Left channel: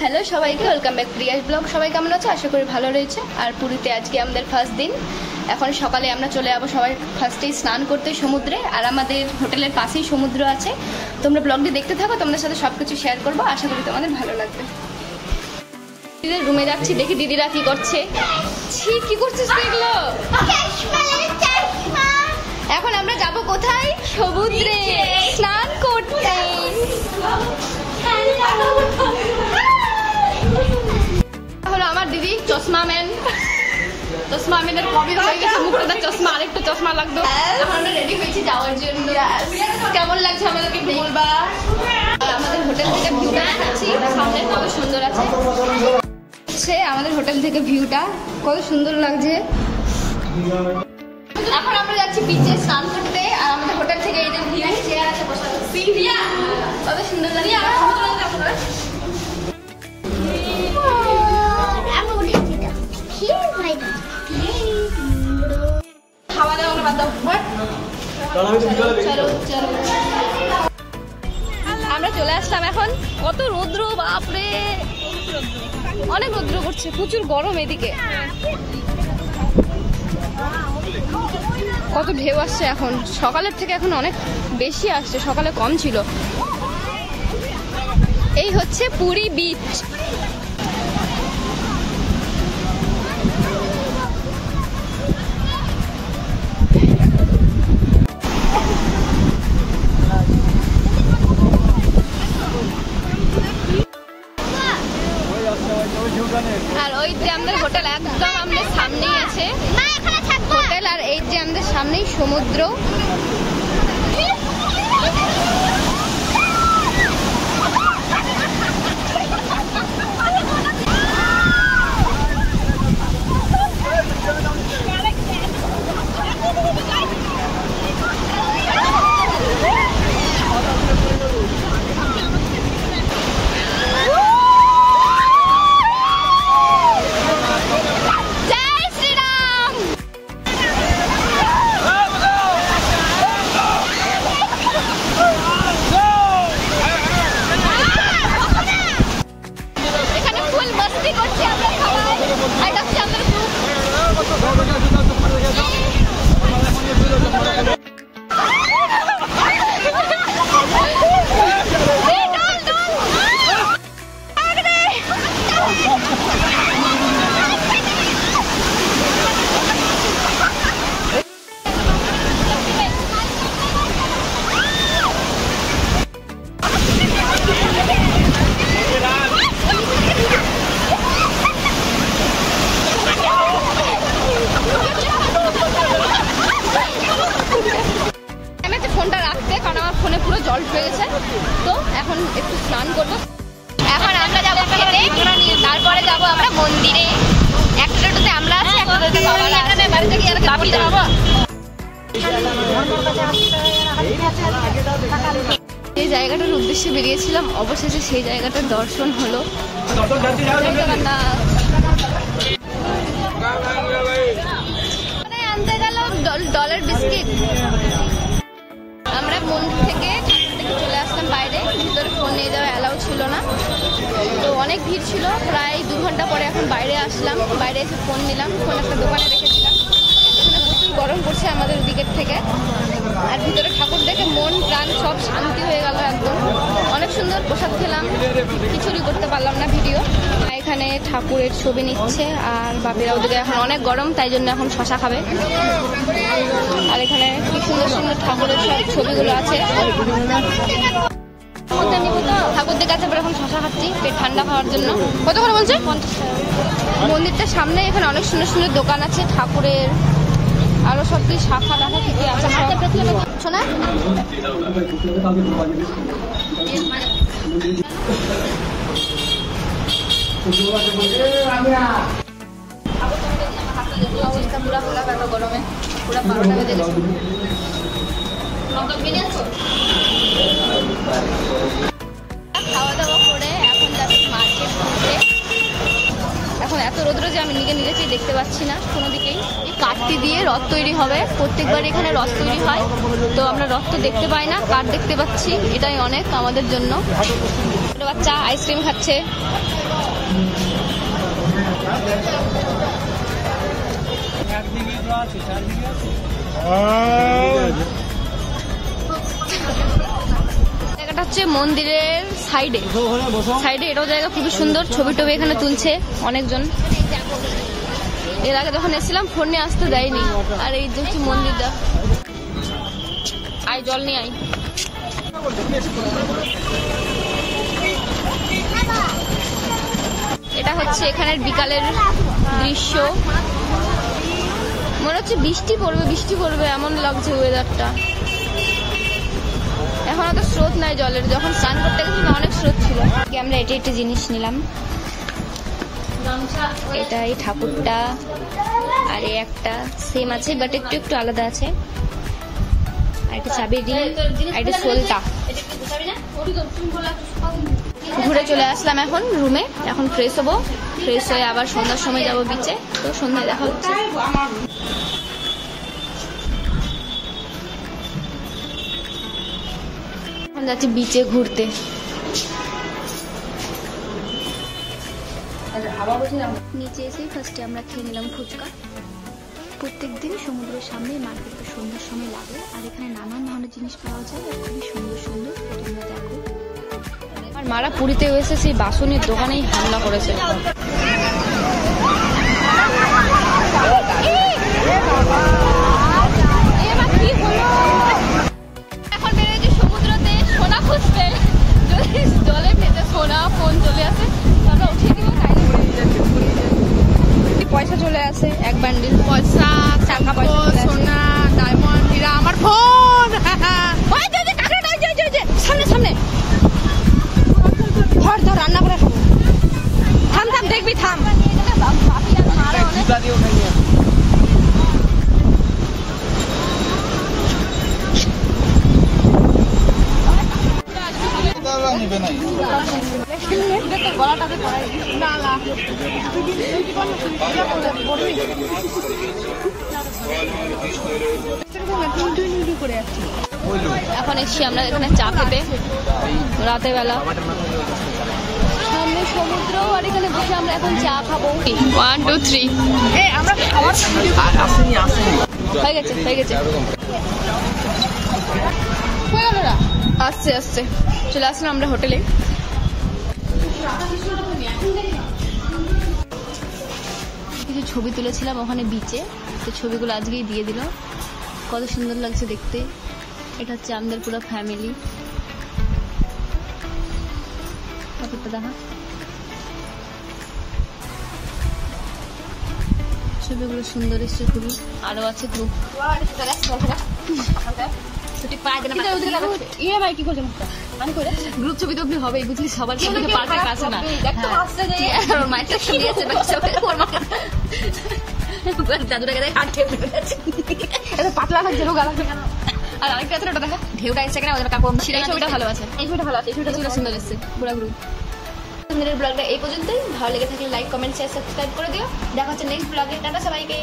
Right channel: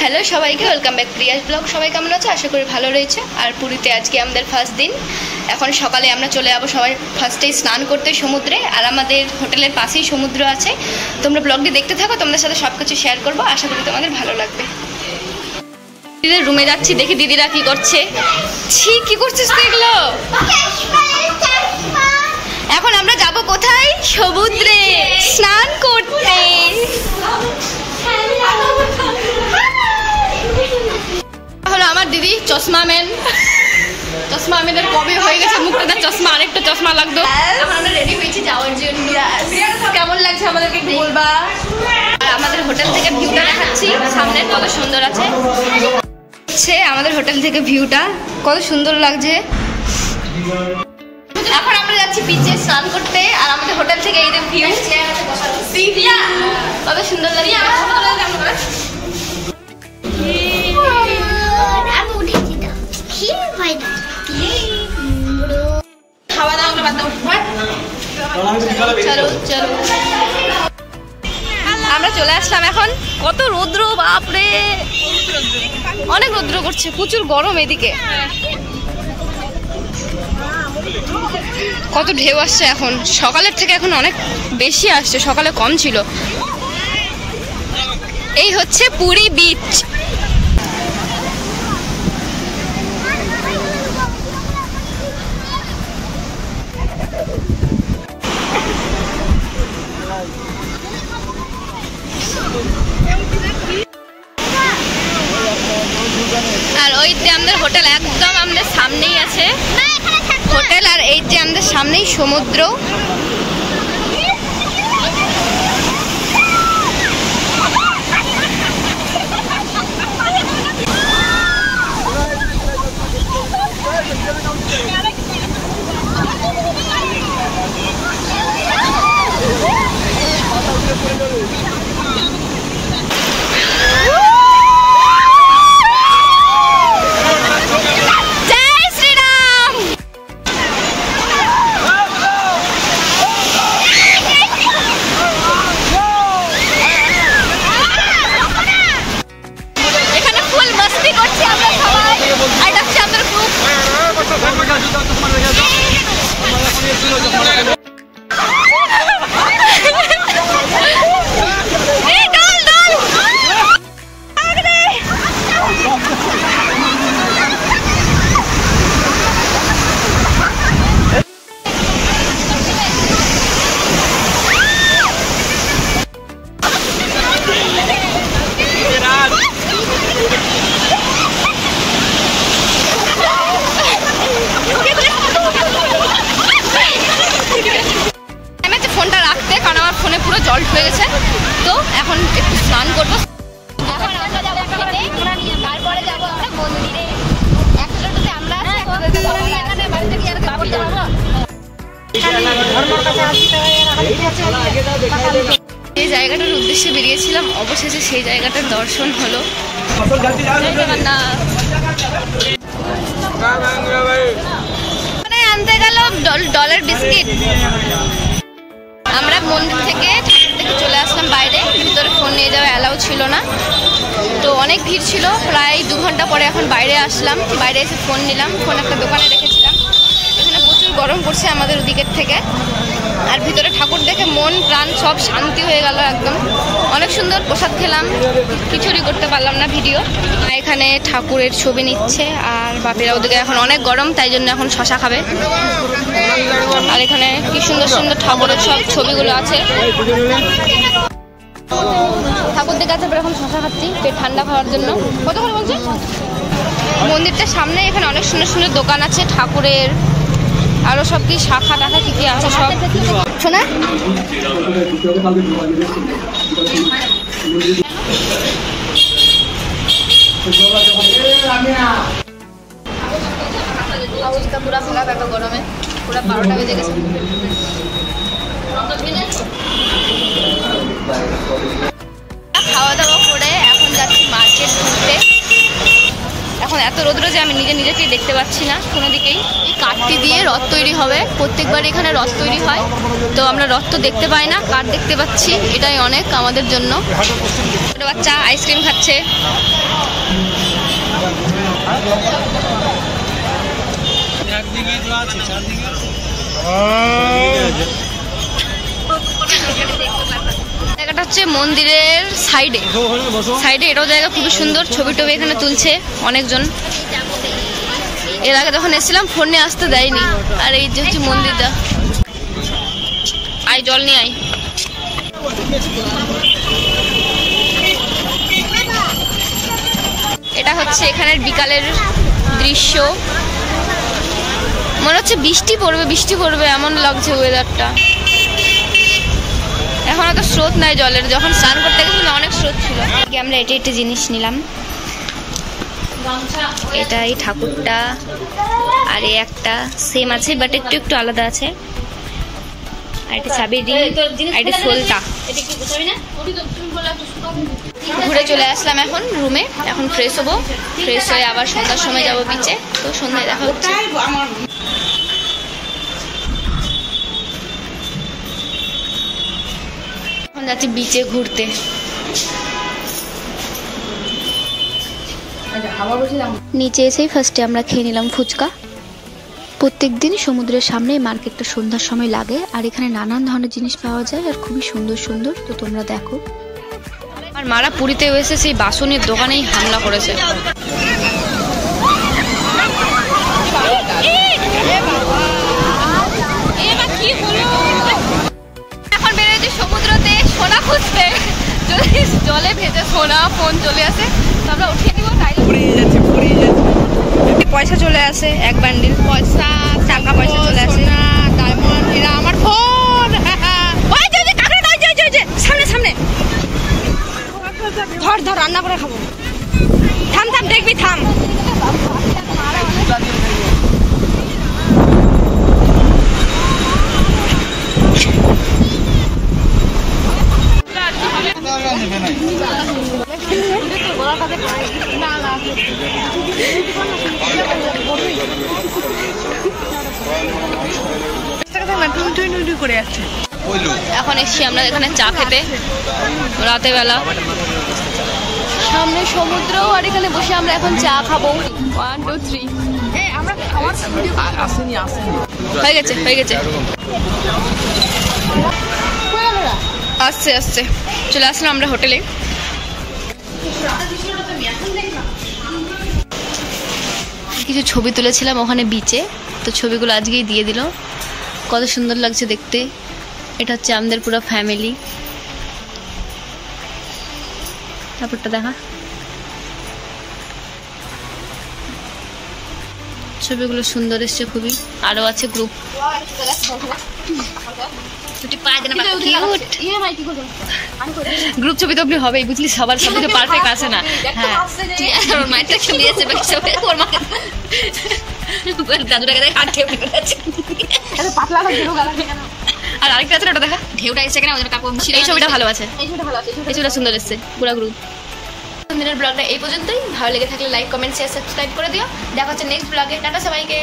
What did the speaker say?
Hello সবাইকে, welcome back Prius blog. সবাই কেমন আছে? আশা করি ভালো রয়েছে। আর পুরীতে আজকে আমাদের ফার্স্ট দিন। এখন সকালে আমরা চলে যাবো সবাই ফার্স্টেই স্নান করতে সমুদ্রে। আর আমাদের হোটেলের পাশেই সমুদ্র আছে। তোমরা ব্লগটি দেখতে থাকো, তোমাদের সাথে সব কিছু শেয়ার করবো। আশা করি তোমাদের ভালো লাগবে। দিদিদের রুমে যাচ্ছি, দেখি দিদিরা কি করছে। ছি, কি করছিস তুই এগুলো? এখন আমরা যাব কোথায়? সমুদ্রে স্নান করতে। হলো আমার দিদি চশমা ম্যান। চশমা ম্যানের কবে হয়ে গেছে মুখটা চশমা, আরেকটা চশমা লাগতো। এখন আমরা রেডি হয়েছি যাওয়ার জন্য। কেমন লাগছে আমাদেরকে বলবা। আর আমাদের হোটেল থেকে ভিউটা দেখাচ্ছি, সামনে কত সুন্দর আছে। আমাদের হোটেল থেকে ভিউটা কত সুন্দর লাগছে। এখন আমরা যাচ্ছি বিচে স্নান করতে। আর আমাদের হোটেল থেকে এই ভিউ কত সুন্দর লাগে। খাওয়া দাওয়া বাদ দাও, চলো চলো। আমরা চলে আসলাম এখন। কত রৌদ্র, বাপরে অনেক রৌদ্র করছে, প্রচুর গরম এদিকে। কত ঢেউ আসছে এখন, সকালের থেকে এখন অনেক বেশি আসছে, সকালে কম ছিল। এই হচ্ছে পুরী বিচ। আর ওই যে আমাদের হোটেল একদম আমাদের সামনেই আছে হোটেল। আর এই যে আমাদের সামনেই সমুদ্র। ফোনটা রাখতে, কারণ আমার ফোনে পুরো জল ঢুকে গেছে। তো এখন একটু স্নান করবো। এখন আমরা যাবো খেতে, তারপরে যাবো আমরা মন্দিরে। একটা টোটোতে আমরা আছি, একটা টোটোতে বাবা আছে। বাপি যাবো। যে জায়গাটার উদ্দেশ্যে বেরিয়েছিলাম, অবশেষে সেই জায়গাটার দর্শন হলো। আনতে গেল ডলার বিস্কিট। আমরা মন্দির থেকে চলে আসলাম বাইরে, ভিতরে ফোন নিয়ে যাওয়া অ্যালাউ ছিল না। তো অনেক ভিড় ছিল, প্রায় 2 ঘন্টা পরে এখন বাইরে আসলাম। বাইরে এসে ফোন নিলাম, ফোন একটা দোকানে রেখেছিলাম। এখানে প্রচুর গরম পড়ছে আমাদের ওদিকের থেকে। আর ভিতরে ঠাকুর দেখে মন প্রাণ সব শান্তি হয়ে গেল একদম। অনেক সুন্দর প্রসাদ খেলাম, কিছুরই করতে পারলাম না ভিডিও। এখানে ঠাকুরের ছবি নিচ্ছে। আর বাপিরা ওদিকে এখন অনেক গরম, তাই জন্য এখন শশা খাবে। আর এখানে কি সুন্দর সুন্দর ঠাকুরের সব ছবিগুলো আছে। ঠাকুর দেখে আছে, এখন শশা খাচ্ছি পেট ঠান্ডা খাওয়ার জন্য। কত করে বলছে? মন্দিরটার সামনে এখানে অনেক সুন্দর সুন্দর দোকান আছে ঠাকুরের, আরো সব কি শাখা টাখা কি কি আছে সব। শোনা অবস্থা পুরা খোলা থাকা গরমে, পুরা 12টা বেজে গেছে। খাওয়া দাওয়া করে এখন যাচ্ছি মার্কেট ঘুরতে। এখন এত রোদ্র যে আমি নিজেকেই দেখতে পাচ্ছি না কোনো দিকেই। এই কাঠটি দিয়ে রথ তৈরি হবে, প্রত্যেকবার এখানে রথ তৈরি হয়। তো আমরা রথ তো দেখতে পাই না, কাঠ দেখতে পাচ্ছি, এটাই অনেক আমাদের জন্য। ছোট বাচ্চা আইসক্রিম খাচ্ছে। জায়গাটা হচ্ছে মন্দিরের সাইডে এটাও জায়গা খুবই সুন্দর, ছবি টবি এখানে তুলছে অনেকজন। এর আগে যখন এসেছিলাম ফোন নিয়ে আসতে দেয়নি। আর এই যে হচ্ছে মন্দিরটা, আয় জল নিয়ে আয়। এটা হচ্ছে এখানের বিকালের দৃশ্য, মনে হচ্ছে বৃষ্টি পড়বে এমন লাগছে ওয়েদারটা। এখন অত স্রোত নাই জলের, যখন স্নান করতে গেছিলাম অনেক স্রোত ছিল। আমরা এটা জিনিস নিলাম, এটা এই ঠাকুরটা আর এই একটা সেম আছে বাট একটু আলাদা আছে। আর এটা চাবির রিং, আর এটা সোলটা। ঘুরে চলে আসলাম এখন রুমে, এখন ফ্রেশ হবো, ফ্রেশ হয়ে আবার সন্ধ্যার সময় যাবো বিচে। তো সন্ধ্যায় দেখা হচ্ছে। এখন যাচ্ছি বিচে ঘুরতে। নিচে এসেই ফার্স্টে আমরা খেয়ে নিলাম ফুচকা। প্রত্যেক দিন সমুদ্রের সামনে মার্কেটটা সন্ধ্যার সময় লাগে, আর এখানে নানান ধরনের জিনিস পাওয়া যায় আর খুবই সুন্দর সুন্দর। তো তোমরা দেখো। আর মারা পুরীতে এসে সেই বাসনের দোকানেই হামলা করেছে। এখন বেরোচ্ছি সমুদ্রতে সোনা খুঁজতে, যদি জলে ভেজে সোনা ফোন চলে আসে তো আমরা উঠিয়ে দিব। পয়সা চলে আসে, এক বান্ডিল টাকা পয়সা চলে আসে। আমার ফোন সামনে সামনে ধর রান্না করে খাবো। থাম দেখবি থাম। এখন এসছি আমরা এখানে চা খেতে রাতে বেলা, সামনে সমুদ্র, আর এখানে বসে আমরা এখন চা খাবো। 1 2 3 আমরা খাওয়ার হয়ে গেছে আসছে চলে আসলাম আমরা হোটেলে। কিছু ছবি তুলেছিলাম ওখানে বিচে, তো ছবিগুলো আজকেই দিয়ে দিল। কত সুন্দর লাগছে দেখতে। এটা হচ্ছে আমাদের পুরো ফ্যামিলি। তারপরটা দেখা, ছবিগুলো সুন্দর এসছে খুবই। আরো আছে গ্রুপ। গ্রুপ ছবি তো আপনি হবেই, বুঝলি, সবার ছবি তো পারফেক্ট আসে না। আর আরেকটা আছে ওটা দেখা, ঢেউটা এসছে কেন, এই ছবিটা ভালো আছে, এই ছবিটা সুন্দর এসছে পুরো গ্রুপ। আমাদের ব্লগটা এই পর্যন্তই। ভালো লেগে থাকলে লাইক কমেন্ট শেয়ার সাবস্ক্রাইব করে দিও। দেখা হচ্ছে নেক্সট ব্লগে। টাটা সবাইকে।